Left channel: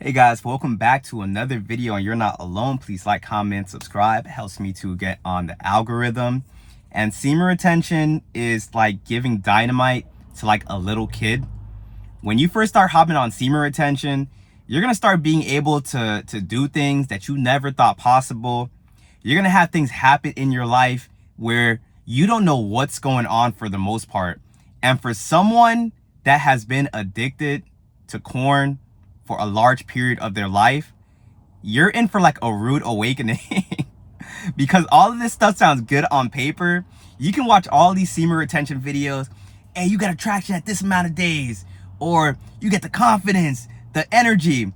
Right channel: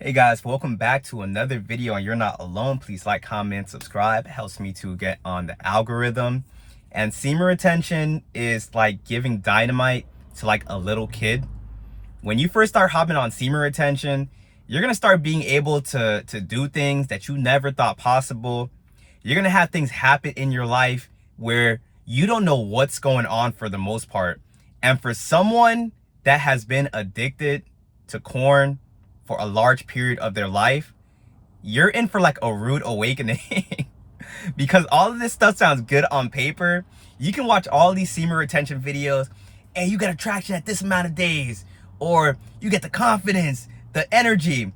Hey guys, welcome back to another video and you're not alone. Please like, comment, subscribe. It helps me to get on the algorithm. And semen retention is like giving dynamite to like a little kid. When you first start hopping on semen retention, you're going to start being able to do things that you never thought possible. You're going to have things happen in your life where you don't know what's going on for the most part. And for someone that has been addicted to corn for a large period of their life, you're in for like a rude awakening. Because all of this stuff sounds good on paper. You can watch all these semen retention videos. Hey, you got attraction at this amount of days, or you get the confidence, the energy.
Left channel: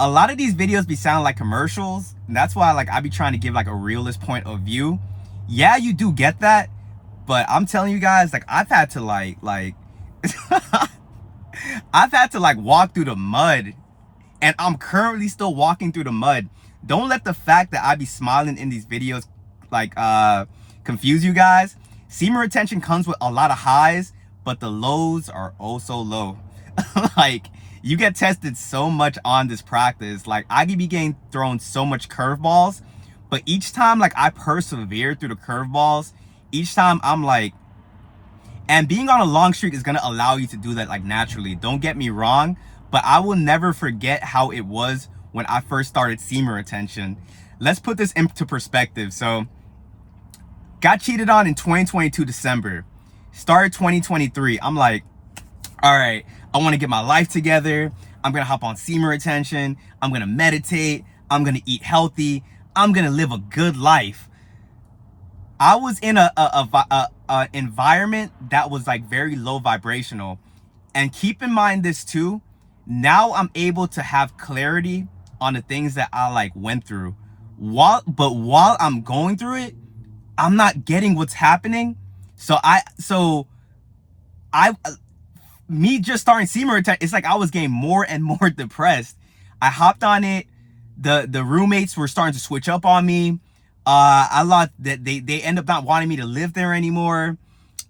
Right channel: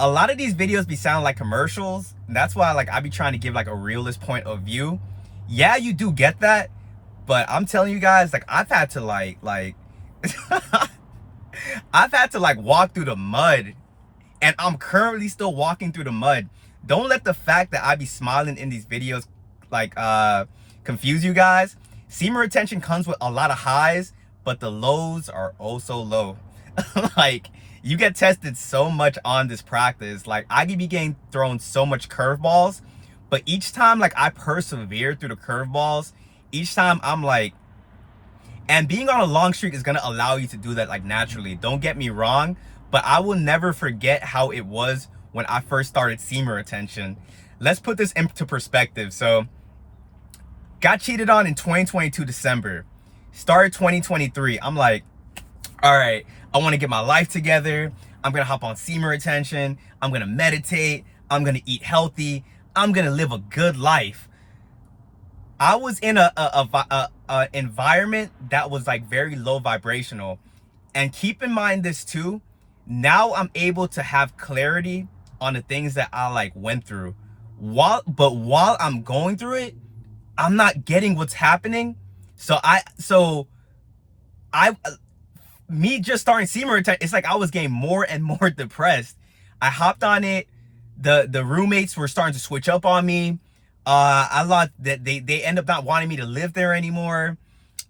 A lot of these videos be sound like commercials, and that's why like I be trying to give like a realist point of view. Yeah, you do get that, but I'm telling you guys, like I've had to like I've had to like walk through the mud, and I'm currently still walking through the mud. Don't let the fact that I be smiling in these videos like confuse you guys. Semen retention comes with a lot of highs, but the lows are oh so low. Like you get tested so much on this practice. Like I could be getting thrown so much curveballs, but each time like I persevere through the curveballs, each time I'm like, and being on a long streak is gonna allow you to do that like naturally. Don't get me wrong, but I will never forget how it was when I first started semen retention. Let's put this into perspective. So, got cheated on in 2022 December. Started 2023. I'm like, all right, I want to get my life together. I'm gonna hop on semen retention. I'm gonna meditate. I'm gonna eat healthy. I'm gonna live a good life. I was in a environment that was like very low vibrational. And keep in mind this too, now I'm able to have clarity on the things that I like went through. While I'm going through it, I'm not getting what's happening. So me just starting semen retention, it's like I was getting more and more depressed. I hopped on it. The roommates were starting to switch up on me. I lost that they end up not wanting me to live there anymore.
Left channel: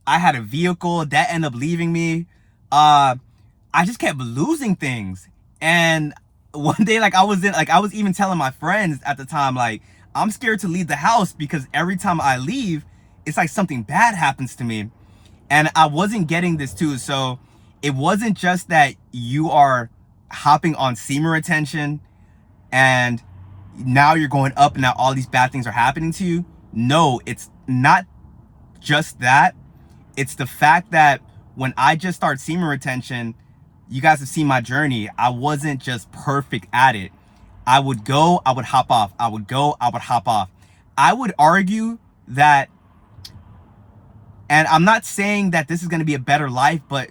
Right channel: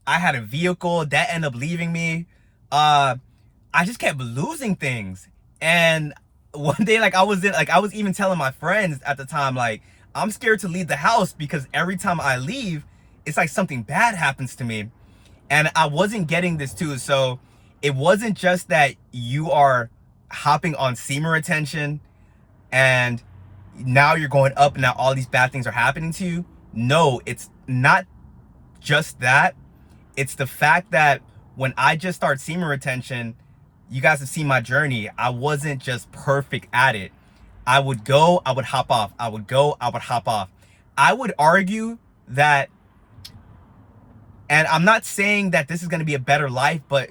I had a vehicle that ended up leaving me. I just kept losing things. And one day, like I was even telling my friends at the time, like, I'm scared to leave the house because every time I leave, it's like something bad happens to me. And I wasn't getting this too. So it wasn't just that you are hopping on semen retention and now you're going up and now all these bad things are happening to you. No, it's not just that. It's the fact that when I just started semen retention, you guys have seen my journey. I wasn't just perfect at it. I would go, I would hop off. I would go, I would hop off. I would argue that, and I'm not saying that this is going to be a better life, but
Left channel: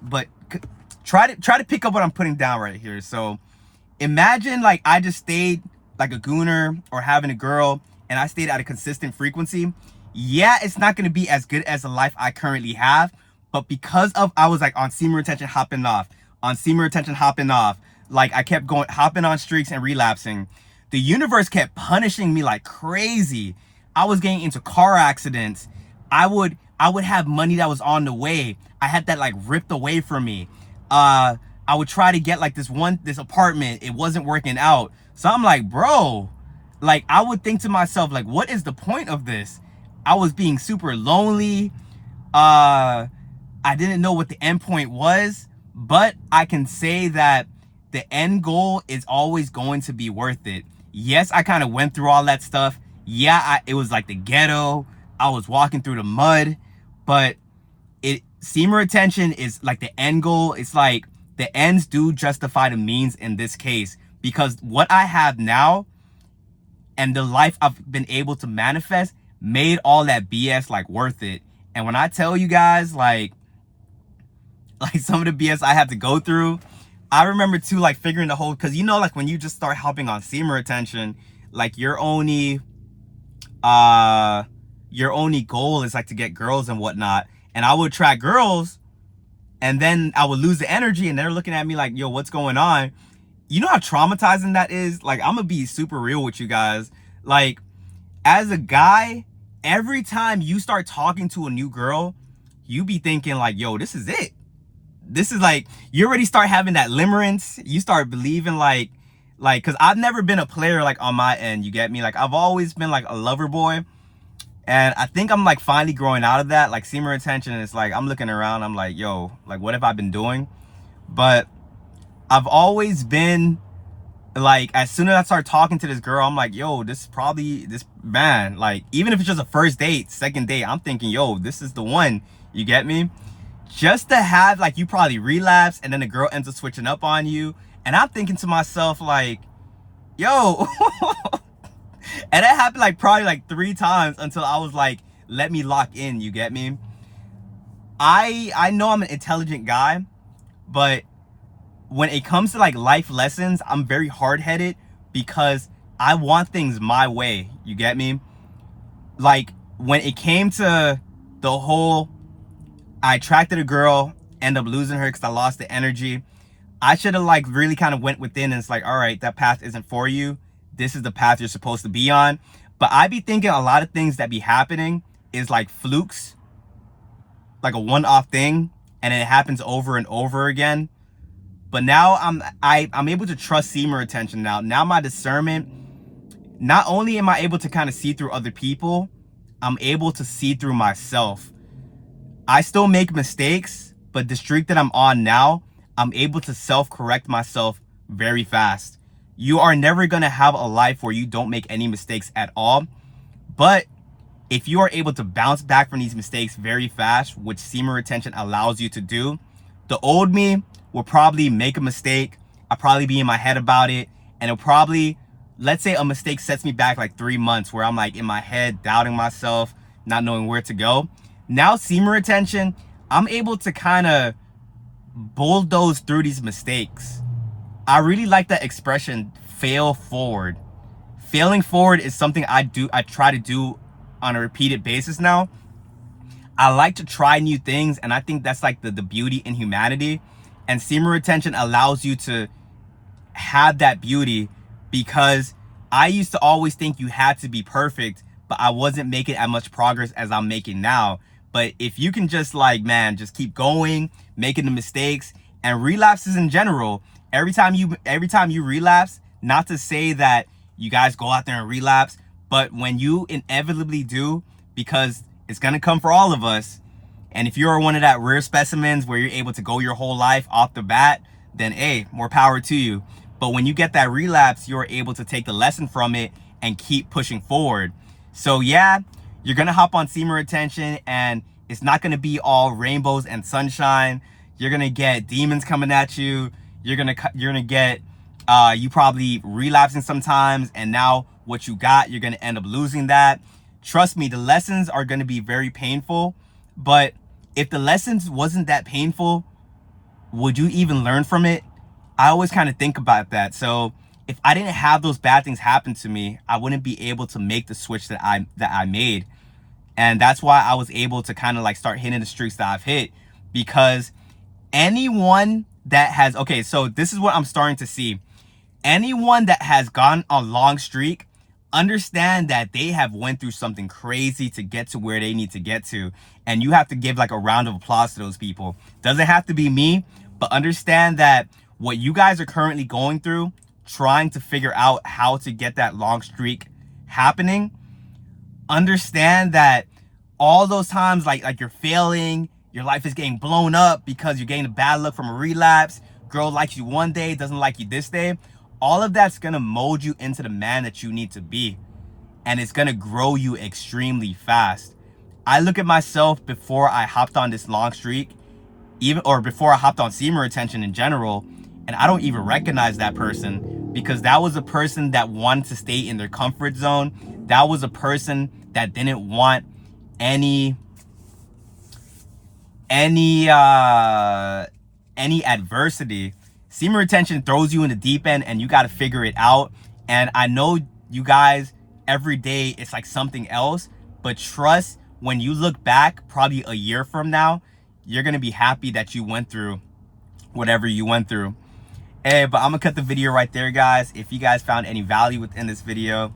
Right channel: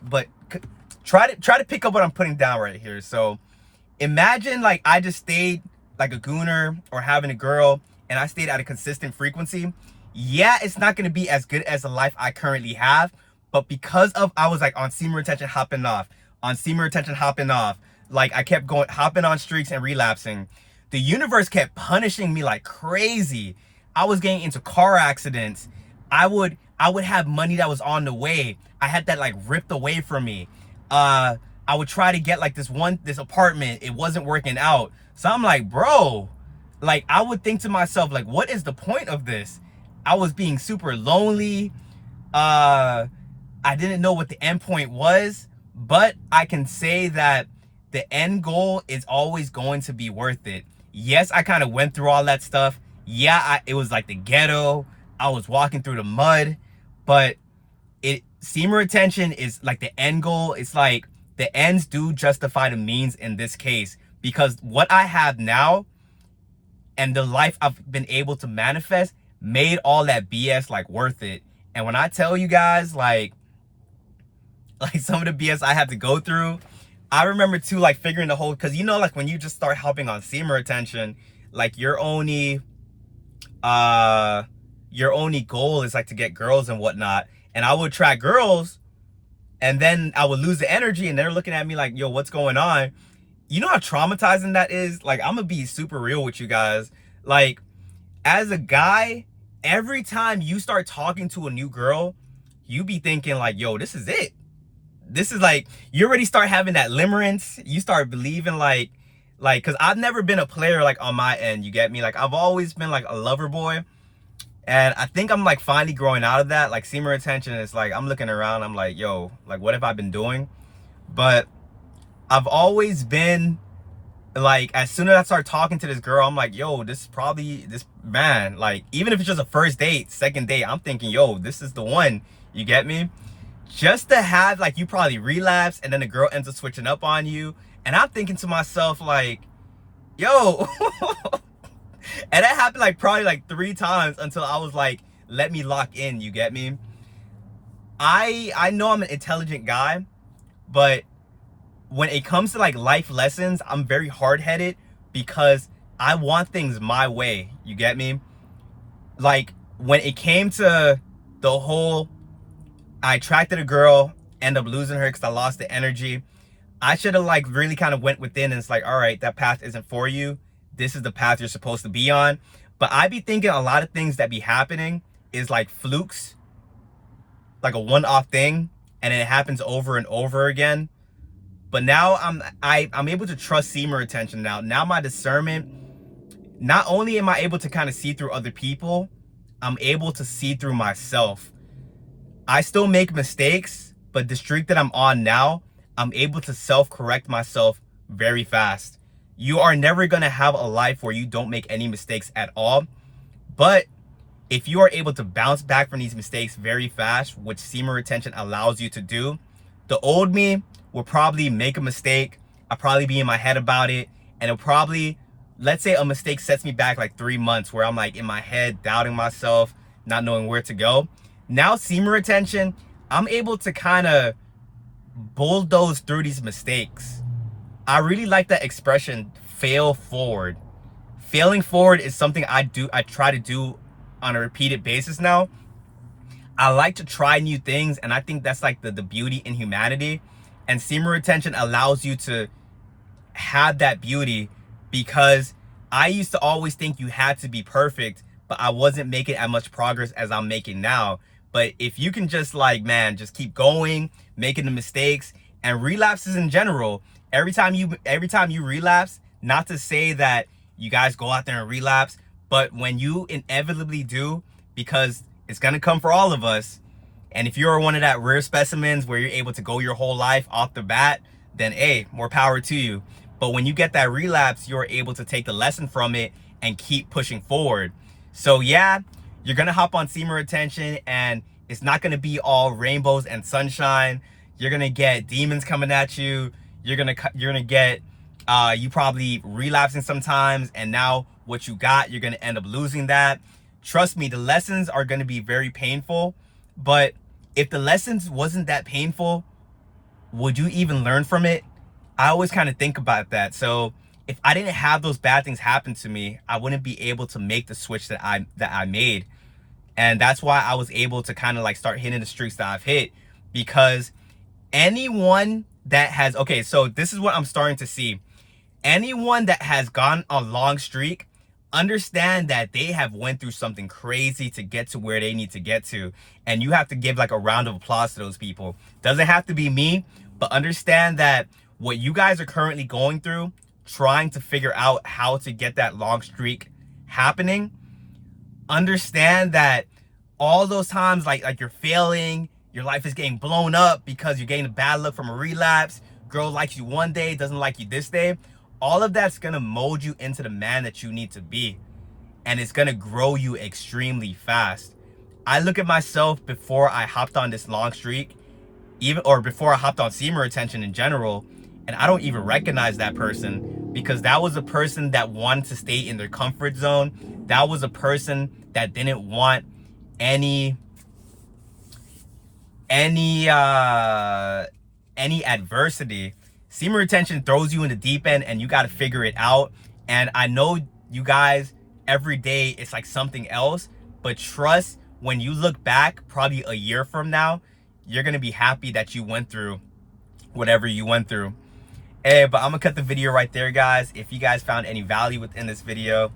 try to pick up what I'm putting down right here. So imagine like I just stayed like a gooner or having a girl and I stayed at a consistent frequency. Yeah, it's not going to be as good as the life I currently have, but because of I was like on semen retention hopping off, on semen retention hopping off, like I kept going hopping on streaks and relapsing. The universe kept punishing me like crazy. I was getting into car accidents. I would have money that was on the way. I had that like ripped away from me. I would try to get like this apartment. It wasn't working out. So I'm like, bro, like I would think to myself, like, what is the point of this? I was being super lonely. I didn't know what the end point was, but I can say that the end goal is always going to be worth it. Yes, I kind of went through all that stuff. Yeah, it was like the ghetto. I was walking through the mud, but semen retention is like the end goal. It's like the ends do justify the means in this case, because what I have now and the life I've been able to manifest made all that BS like worth it. And when I tell you guys like some of the BS I had to go through, I remember too like figuring the whole, because you know like when you just start helping on semen retention, like your only goal is like to get girls and whatnot. And I would attract girls and then I would lose the energy and they're looking at me like, yo, what's going on? You know how traumatizing that is? Like, I'm gonna be super real with you guys. Like, as a guy, every time you start talking to a new girl, you be thinking like, yo, this is it. This is like, you already start having that limerence. You start believing like Like, because I've never been a player like on my end, you get me? Like, I've always been like a lover boy. And I think I'm like finally growing out of that. Like, semen retention is like, I'm looking around, I'm like, yo, like, what have I been doing? But I've always been like, as soon as I start talking to this girl, I'm like, yo, this is probably this man. Like, even if it's just a first date, second date, I'm thinking, yo, this is the one. You get me? Just to have, like, you probably relapse and then the girl ends up switching up on you. And I'm thinking to myself, like, yo. And that happened like probably like 3 times until I was like, let me lock in, you get me? I know I'm an intelligent guy, but when it comes to like life lessons, I'm very hard-headed because I want things my way, you get me? Like, when it came to the whole, I attracted a girl, end up losing her because I lost the energy, I should have like really kind of went within and it's like, all right, that path isn't for you. This is the path you're supposed to be on. But I be thinking a lot of things that be happening is like flukes, like a one-off thing, and it happens over and over again. But now I'm able to trust semen retention now. Now my discernment, not only am I able to kind of see through other people, I'm able to see through myself. I still make mistakes, but the streak that I'm on now, I'm able to self-correct myself very fast. You are never going to have a life where you don't make any mistakes at all. But if you are able to bounce back from these mistakes very fast, which semen retention allows you to do, the old me will probably make a mistake. I'll probably be in my head about it. And it'll probably, let's say a mistake sets me back like 3 months where I'm like in my head, doubting myself, not knowing where to go. Now semen retention, I'm able to kind of bulldoze through these mistakes. I really like that expression, fail forward. Failing forward is something I try to do on a repeated basis now. I like to try new things, and I think that's like the beauty in humanity. And semen retention allows you to have that beauty, because I used to always think you had to be perfect, but I wasn't making as much progress as I'm making now. But if you can just like, man, just keep going, making the mistakes, and relapses in general, every time you relapse, not to say that you guys go out there and relapse, but when you inevitably do, because it's gonna come for all of us, and if you're one of that rare specimens where you're able to go your whole life off the bat, then hey, more power to you. But when you get that relapse, you're able to take the lesson from it and keep pushing forward. So yeah, you're gonna hop on semen retention, and it's not gonna be all rainbows and sunshine. You're gonna get demons coming at you. You're gonna get you probably relapsing sometimes, and now what you got, you're gonna end up losing that. Trust me, the lessons are gonna be very painful, but if the lessons wasn't that painful, would you even learn from it? I always kind of think about that. So if I didn't have those bad things happen to me, I wouldn't be able to make the switch that I made. And that's why I was able to kind of like start hitting the streaks that I've hit, because anyone that has, okay, so this is what I'm starting to see. Anyone that has gone a long streak, understand that they have went through something crazy to get to where they need to get to. And you have to give like a round of applause to those people. Doesn't have to be me, but understand that what you guys are currently going through, trying to figure out how to get that long streak happening, understand that all those times like you're failing, your life is getting blown up because you're getting a bad look from a relapse, girl likes you one day, doesn't like you this day, all of that's gonna mold you into the man that you need to be, and it's gonna grow you extremely fast. I look at myself before I hopped on this long streak, or before I hopped on semen retention in general, and I don't even recognize that person, because that was a person that wanted to stay in their comfort zone. That was a person that didn't want any adversity. Semen retention throws you in the deep end, and you got to figure it out. And I know you guys, every day it's like something else, but trust, when you look back probably a year from now, you're gonna be happy that you went through whatever you went through. Hey, but I'm gonna cut the video right there, guys. If you guys found any value within this video,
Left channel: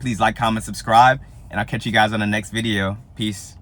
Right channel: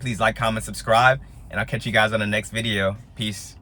please like, comment, subscribe, and I'll catch you guys on the next video. Peace.